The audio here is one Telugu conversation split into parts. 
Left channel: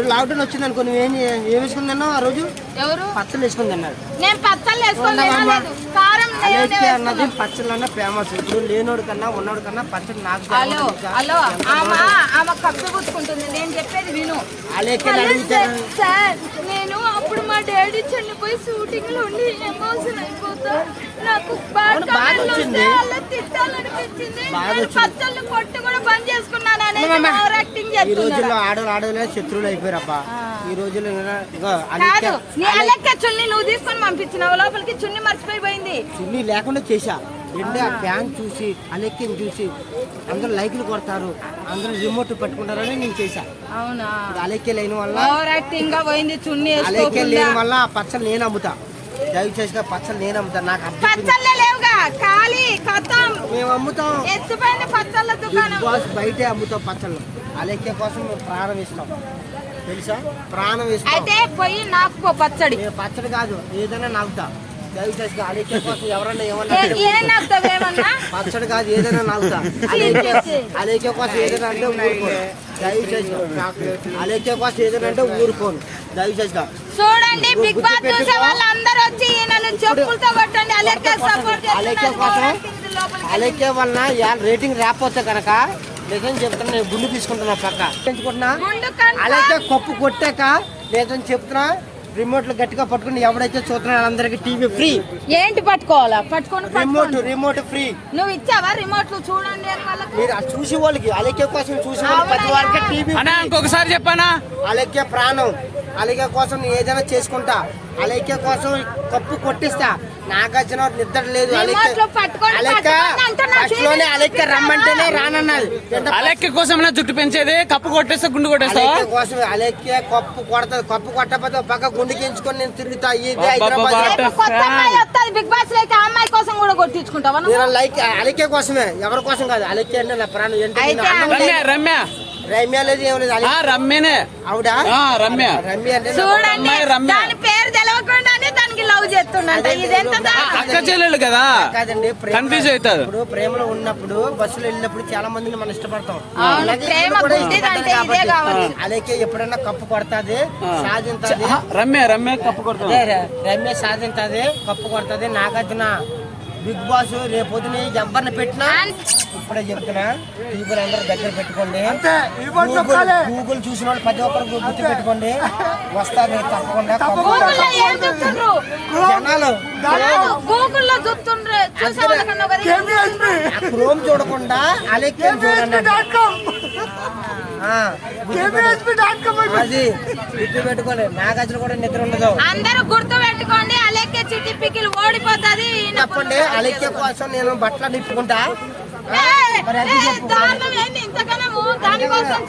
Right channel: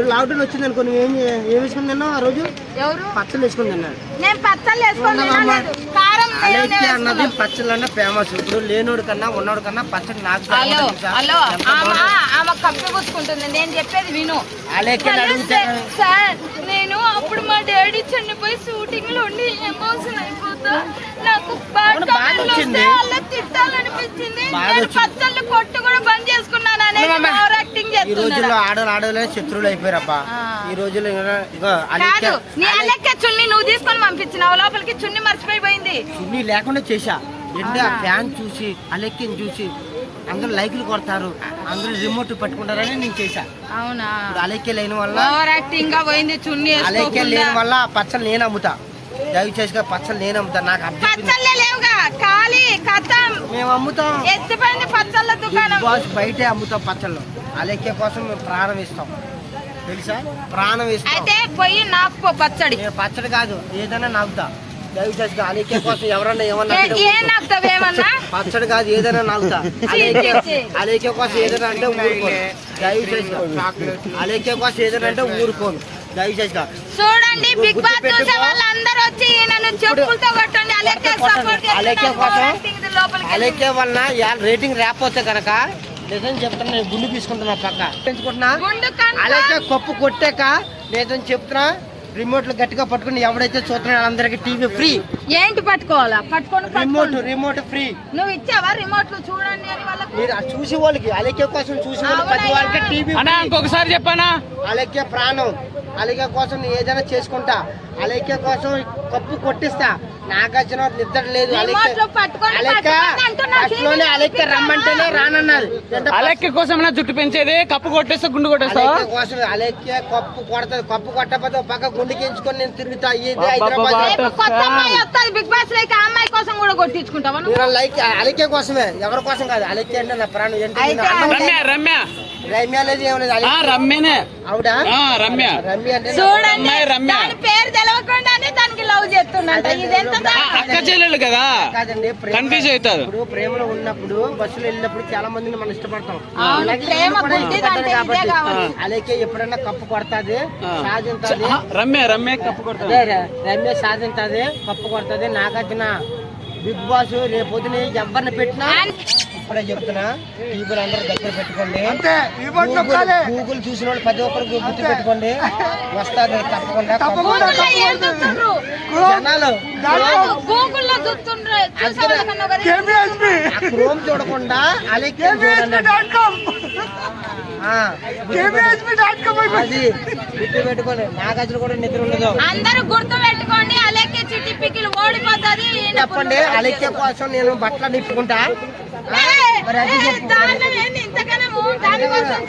ఇప్పుడు లాక్డౌన్ వచ్చింది అనుకో నువ్వు ఏం ఏం వేసుకున్నాను ఆ రోజు పచ్చళ్ళు. తినలేదు. కారం అలేకి నేను అన్నది పచ్చళ్ళు అన్న ఫేమస్ ఇప్పుడు లేనోడు కన్నా ఉన్నోడు కన్నా పచ్చడి నాకు హలో బాగుంటుంది తెలుసా? హలో ఎంత ఆమె బాగుంటుంది. ఆమె కప్పి పుచ్చుకుంటుంది నేను చెప్పేది విను అడిగితే సార్, నేను అప్పుడు మా డాడీ చనిపోయి షూటింగ్లో ఉండి ఎమోషన్ అయిపోతా నాకు బాధ వచ్చింది. బాధ వచ్చింది. పచ్చళ్ళు కొట్టు కూడా బంద్ చేసుకున్నాను అనేది ఈ రోజుల్లో ఆడవాళ్ళు ఆడవాళ్ళే శత్రువులు అయిపోయారబ్బా. ఈ రోజుల్లో ఇంకా- ఇగో అలేకి కాదు నీ అలెక్క చున్ని నువ్వు తీసుకొని పంపించినావు లోపలికి చున్ని మర్చిపోయిపోయింది చున్నీ లేకుండా చేశా. ఎండి ఆ. ఫ్యాన్ చూసి అలెక్కిని చూసి అందరూ లైకులు కొడతారు అందరూ రిమోట్ పట్టుకుంటారని నేను చేశా. అవునా? ఇప్పుడు అలెక్కే లేని వల్ల ఓవర్ యాక్టింగ్గా పోయింది చున్ని అలెక్కే. లేని వల్ల ఆ పచ్చళ్ళు నేను అమ్ముతా. దయచేసి పచ్చళ్ళు నేను అమ్ముతా. నాకు అబ్జెక్ట్ పచ్చళ్ళే లేవుగా. ఖాళీ కథం మేము అమ్ముతాం. ఎత్తిపోయింది పచ్చళ్ళ బిగ్ దుకాణం. బాస్ బయటే అమ్ముతాం పచ్చళ్ళు. అలెక్కే కోసం మేము ప్రాణం ఇస్తాం. తెలుసా? ప్రాణం ఇస్తాం. అయితే పోయి నాకు పచ్చడి. నేను పచ్చడి కాదు ఏదైనా నాకుతా. దయచేసి అలెక్కే కోసం ఎవరన్నా ఏమన్నా పచ్చడి కాదు ఏదైనా నాకుతా. అలేకే అలేకే కోసం ఏదైనా అంటే ఊరుకోను. దయచేసి అలేకే కోసం ఏదైనా అంటే ఊరుకోను. దయచేసి చూడండి బిగ్ బాస్ చూసే వాళ్ళందరూ వచ్చి నన్ను చెప్పులతో కొట్టండి. అలెక్కే సపోర్ట్ అలెక్కే కోసం లోపలికి అలేకే వలన ఇవాళ రేటింగ్ రాకపోతే కనుక నిజం చెప్తున్నా నేను గుండు తీసుకుంటున్నా పక్క. పెంచుకుంటున్నా. అలాగే కప్పు కొట్టాక నిజం చెప్తున్నా. రిమోట్లు గట్టిగా పట్టుకుని ఎవడైతే చూస్తున్నాడో టీవీ ఫ్రీ. ఏంటి పట్టుకోవాలా? పట్టుకొని రిమోట్. Remote free. నువ్వు ఇచ్చావా రిమోట్లు చూడండి అని వాళ్ళకి? మీరు అది చూసి వాళ్ళకి అలెక్కే కోసం చూసి వాళ్ళకి ప్రతి వాళ్ళకి టీవీ ఇంకొకసారి చెప్పానా? అలెక్కే ప్రాణం. అలెక్కే కోసం నేను ఏదైనా చేసుకుంటా. అలెక్కే కోసం కప్పు కొట్టిస్తా. నాగార్జున నిద్ర లేదు. రిమోట్లో పట్టుకొని అలెక్క రమ్మంటేనే రానన్నది ఎంత అలెక్క కోసం జుట్టు పెంచేది? కప్పు కొట్టేస్తే గుండు కొట్టేస్తావా? అలెక్కే కోసం అలెక్కే కప్పు కొడతది. కప్పు కొట్టకపోతే ఒక పక్క గుండు చేయించుకొని నేను తిరుగుతా. ఇది హైదరాబాద్ కొత్త అమ్మాయి వస్తుంది బిగ్ బాస్ లేక ఆ అమ్మాయి కోసం కూడా కొట్టించుకుంటావా నువ్వు? లైక్ అలెక్కే కోసమే. ఎవరి కోసం కాదు అలెక్కే అంటే నా ప్రాణం. ఏంటి? అయితే నేను అన్నం రమ్య లేదు. రమ్య. రమ్య లేదు ఏం లేదు ఆ రమ్యనే. ఆవిడ ఆ, రమ్య. రమ్య అంటే నా చూడండి అమ్మాయి రమ్య. దాని పేరు తెలవకుండానే దానికి లవ్ చేస్తుండంట ఇదెంత దారుణం? అక్క చెల్లెలు కదా. కాదండి ప్రేమ కన్ఫ్యూజ్ అవుతారు. ఇప్పుడు ప్రేమలో ఉన్నప్పుడు బస్సులో వెళ్ళినప్పుడు చాలా మందిని మనం ఇష్టపడతాం. అవును, అలాగే ప్రేమ ఇదే కాబట్టి. కావచ్చు. అలాగే ఎప్పుడైనా కప్పు కొడతాది సాధింతది ఆ, రమ్య రమ్య కప్పు కొడుతుంది రమ్య సాధింతది కప్పు కొడతది నాగార్జున. బిగ్ బాస్ రేపు పొద్దున ఎవరిని పెట్టినా? ఇప్పుడే చెప్తున్నా టీవీలు అందరూ దగ్గర పెట్టుకోండి. గూగుల్ గూగుల్ చూసిన వాళ్ళు ప్రతి ఒక్కరు గుర్తు పెట్టుకోండి. వస్తుంది తప్పకుండా జనాలు ఆ క్రోమ్ చూడకుండా అలెక్యం చూడండి. అది గుర్తు పెట్టుకోండి. నాగార్జున కూడా నిద్ర ఉండదు. అందరూ గుర్తు పెట్టుకోండి అలెక్కే చెప్పండి కోసం నేను బట్టలు నిప్పుకుంటా మరి అది చెప్పు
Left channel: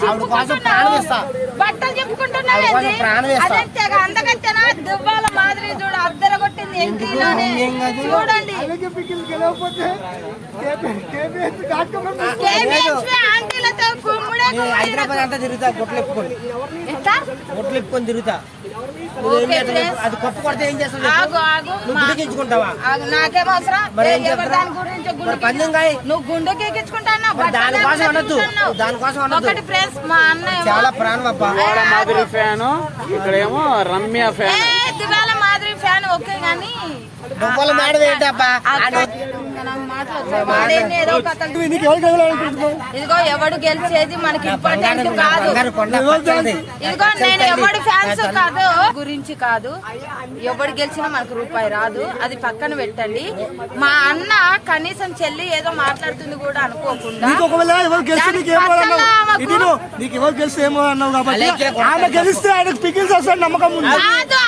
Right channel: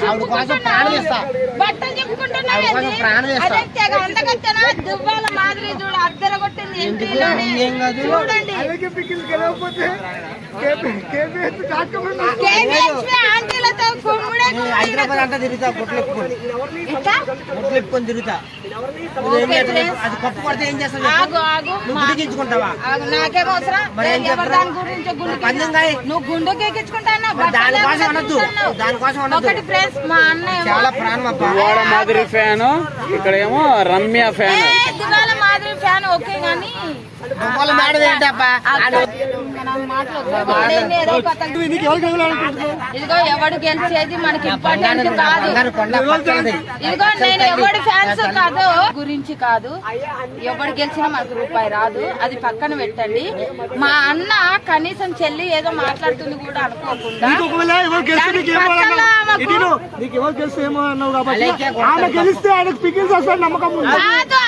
ఆవిడ కోసం. ప్రాణం ఇస్తా. బట్టలు చెప్పుకుంటున్నావు ఆవిడ కోసం? ప్రాణం ఇస్తా. అంతకత్తెనా దువ్వాల మాదిరి చూడు అద్దర కొట్టింది ఎందుకు? నాని? ఏం కాదు. చూడండి హైదరాబాద్ అంతా తిరుగుతా తిరుగుతా. అది కప్పు కొడితే ఏం నువ్వు గుండెకి దానికోసం అనొద్దు. దానికోసం అనొద్దు. ఫ్రెండ్స్ మా అన్న ఏమో- చాలా ప్రాణం అబ్బా ఫ్యాన్ ఇక్కడేమో రమ్య ఫ్యాన్. మాదిరి ఫ్యాన్ ఓకే కథలు. ఇదిగో ఎవడు గెలిచేది మనకి ఇంపార్టెంట్ కాదు. ఇదిగో నేను ఎవడి ఫ్యాన్స్ కాదు గురించి కాదు. ఎవడు గెలిచినా మనకు రూపాయి రాదు. అది పక్కన పెట్టండి. మా అన్న కనీసం చెల్లి ఏదో మాట్లాడుతుంది కూడా అనుకోకుండా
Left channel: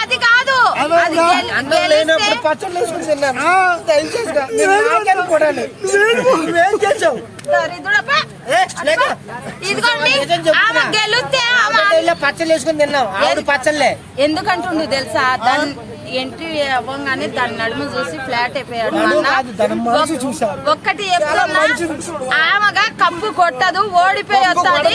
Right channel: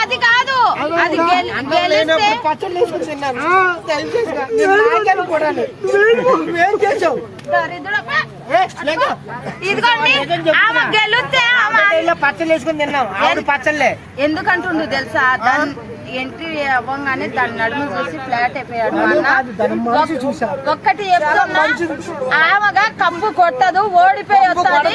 అది కాదు అది గెలిస్తే లేనప్పుడు పచ్చళ్ళు వేసుకుని తిన్నాను. కూడా చేసావు? పచ్చళ్ళు వేసుకుని తిన్నాం ఆవిడ పచ్చళ్ళే. ఎందుకంటుండు తెలుసా? దాని ఎంట్రీ అవ్వగానే దాని నడుము చూసి ఫ్లాట్ అయిపోయాడు. ఒక్కటి చెప్తున్నా ఆమెగా కప్పు కొట్టదు ఓడిపోయి వస్తుంది.